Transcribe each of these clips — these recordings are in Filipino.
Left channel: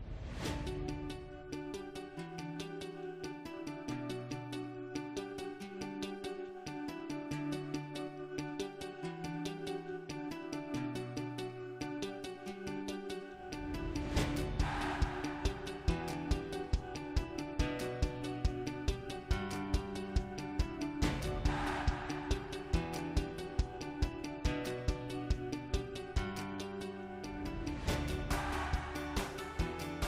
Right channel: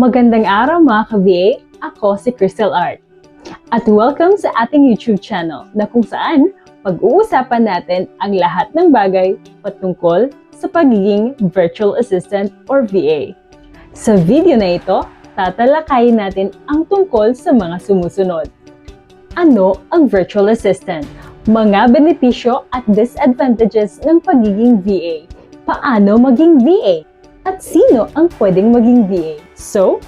Magandang araw mga ka-VA, ako si Crystal Art. At welcome sa ating YouTube channel na kung saan pag-uusapan natin ang lahat ng bagay patungkol sa pagiging Virtual Assistant or VA. Sa video na ito, tatalakayin natin ang tungkol sa mga sumusunod. Ano ang Virtual Assistant? Mga benepisyo at disadvantages ng pagiging VA. Paano maging VA? At sino ang pwedeng maging VA? So,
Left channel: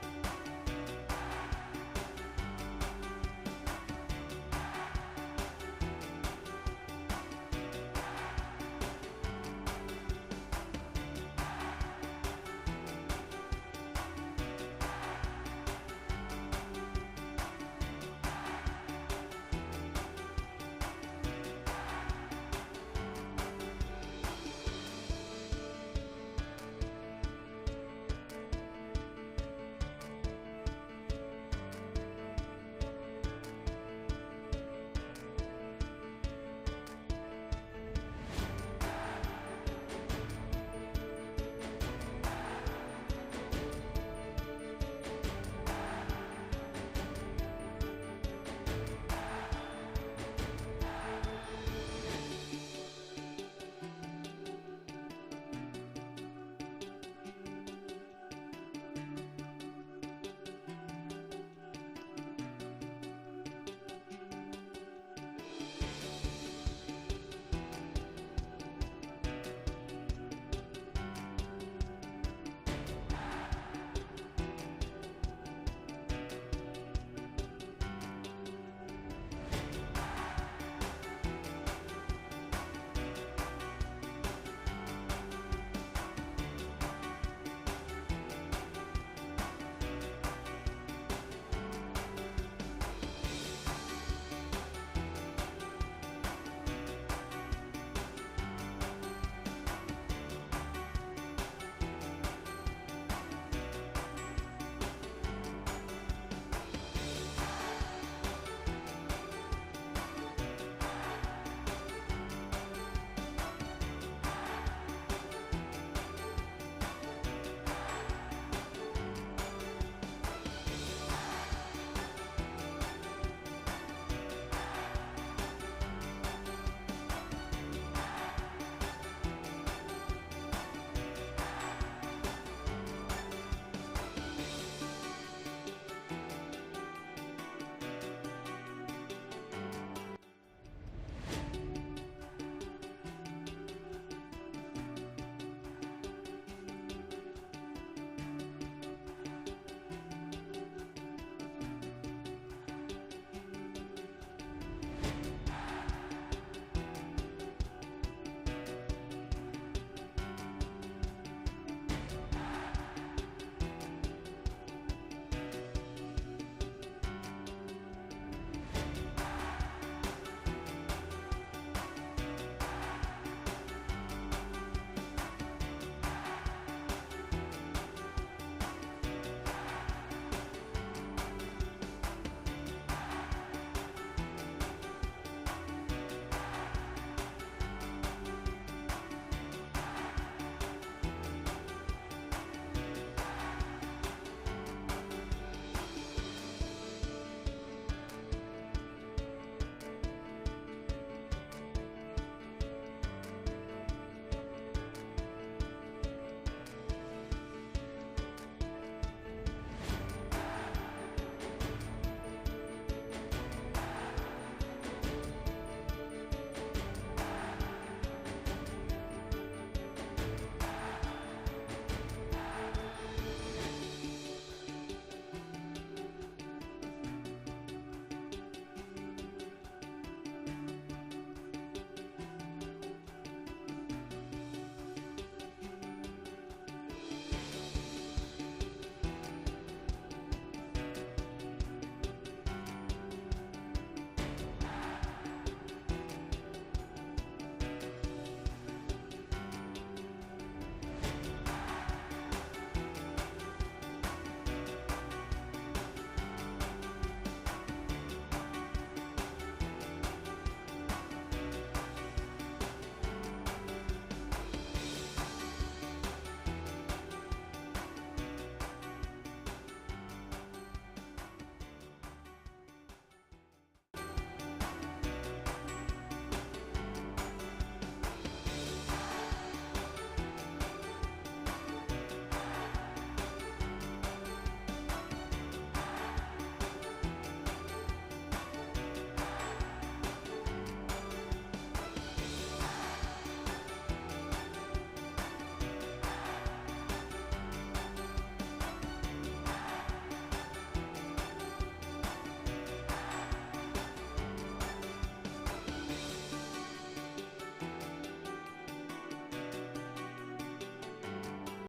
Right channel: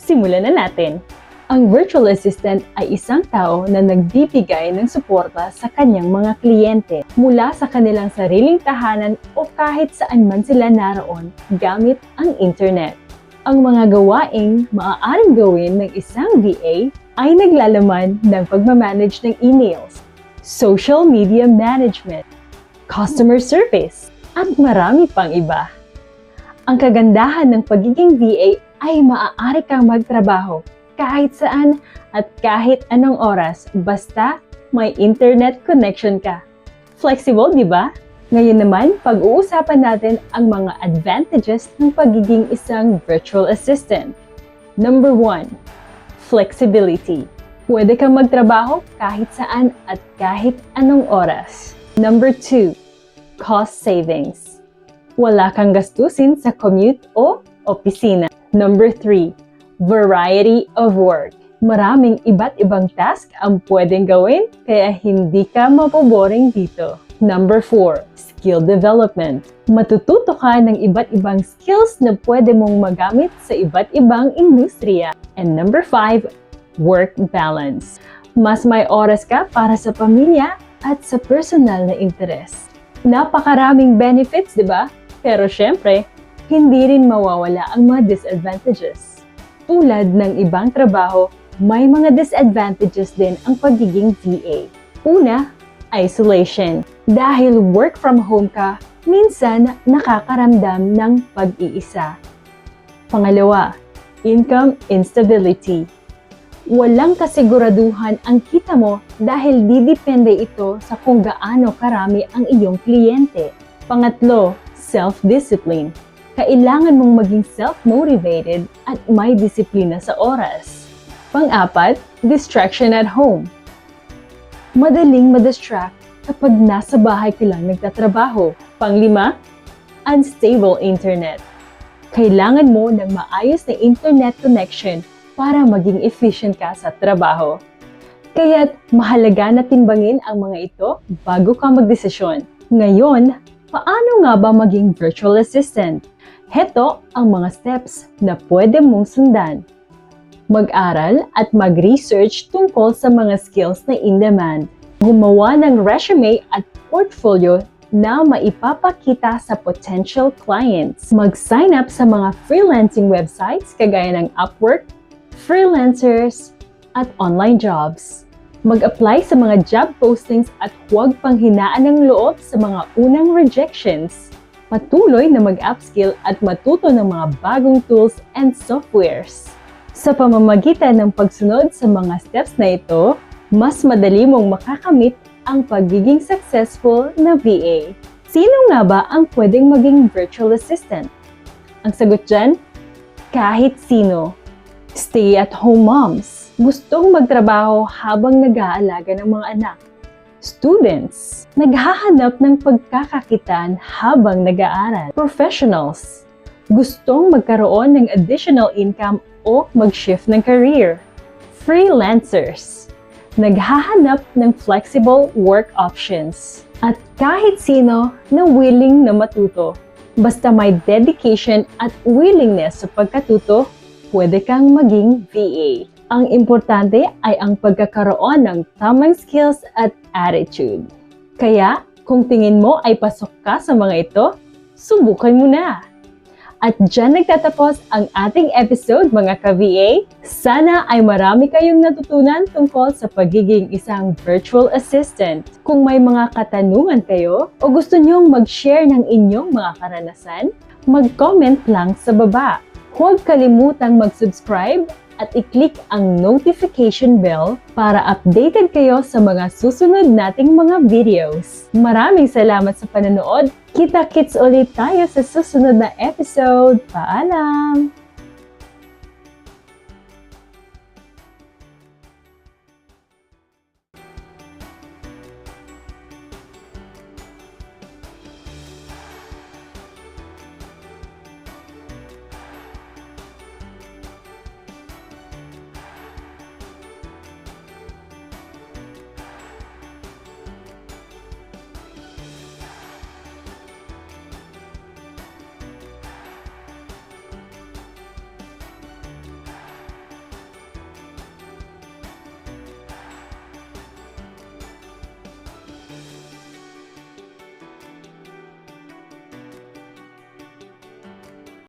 simulan na natin. Ang virtual assistant ay isang tao na nagbibigay ng suporta sa kanyang mga kliyente mula sa kanilang sariling tahanan o kahit saan man sila naroon gamit ang internet. Ang mga gawaing maaaring gawin ng isang VA ay naglalaman ng pagmamanage ng emails, social media management, customer service, at marami pang iba. Ang kagandahan ng pagiging VA ay maaari kang magtrabaho kahit saan at kahit anong oras basta may internet connection ka. Flexible, di ba? Ngayon naman, pag-uusapan natin ang mga advantages ng pagiging isang virtual assistant. Number 1, flexibility. Pwede kang magtrabaho kahit saan at kahit anong oras. Number 2, cost savings wala kang gastusin sa commute o opisina. Number 3, variety of work. Maraming iba't ibang task ang pwedeng gawin kaya hindi ka mapoboring dito. Number 4, skill development. Matututo ka ng iba't ibang skills na pwede mong magamit sa iba't ibang industriya. And number 5, work balance. Mas may oras ka para sa pamilya at sa personal na interes. Napakaraming benefits, di ba? Pero syempre, hindi rin mawawala ang mga disadvantages. Tulad ng ibang trabaho, may mga disadvantages din ang pagiging VA. Una, isolation. Dahil work from home ka, minsan nakakaramdam ng pag-iisa. Pangalawa, income instability. Walang kasiguraduhan ang kita mo dahil didepende ito sa kung gaano karami ang iyong kliyente. Pangatlo, self-discipline. Kailangan mong maging self-motivated at may disiplina sa oras. Pang-apat, distraction at home. Madaling madistract kapag nasa bahay ka lang nagtatrabaho. Panglima, unstable internet. Kailangan mo ng maayos na internet connection para maging efficient ka sa trabaho. Kaya't mahalaga na timbangin ang mga ito bago ka magdesisyon. Ngayon, Paano nga ba maging virtual assistant? Heto ang mga steps na pwede mong sundan. Mag-aral at mag-research tungkol sa mga skills na in-demand. Gumawa ng resume at portfolio na maipapakita sa potential clients. Mag-sign up sa mga freelancing websites kagaya ng Upwork, Freelancers, at online jobs mag-apply sa mga job postings at huwag panghinaan ng loob sa mga unang rejections. Patuloy na mag-upskill at matuto ng mga bagong tools and softwares. Sa pamamagitan ng pagsunod sa mga steps na ito, mas madali mong makakamit ang pagiging successful na VA. Sino nga ba ang pwedeng maging virtual assistant? Ang sagot dyan, kahit sino. Stay-at-home moms gustong magtrabaho habang nag-aalaga ng mga anak. Students, naghahanap ng pagkakakitaan habang nag-aaral. Professionals, gustong magkaroon ng additional income o mag-shift ng career. Freelancers, naghahanap ng flexible work options. At kahit sino na willing na matuto. Basta may dedication at willingness sa pagkatuto, pwede kang maging VA. Ang importante ay ang pagkakaroon ng tamang skills at attitude. Kaya, kung tingin mo ay pasok ka sa mga ito, subukan mo na! At dyan nagtatapos ang ating episode mga ka-VA. Sana ay marami kayong natutunan tungkol sa pagiging isang virtual assistant. Kung may mga katanungan kayo o gusto nyong mag-share ng inyong mga karanasan, mag-comment lang sa baba. Huwag kalimutang mag-subscribe at i-click ang notification bell para updated kayo sa mga susunod nating mga videos. Maraming salamat sa panonood. Kita-kits ulit tayo sa susunod na episode. Paalam!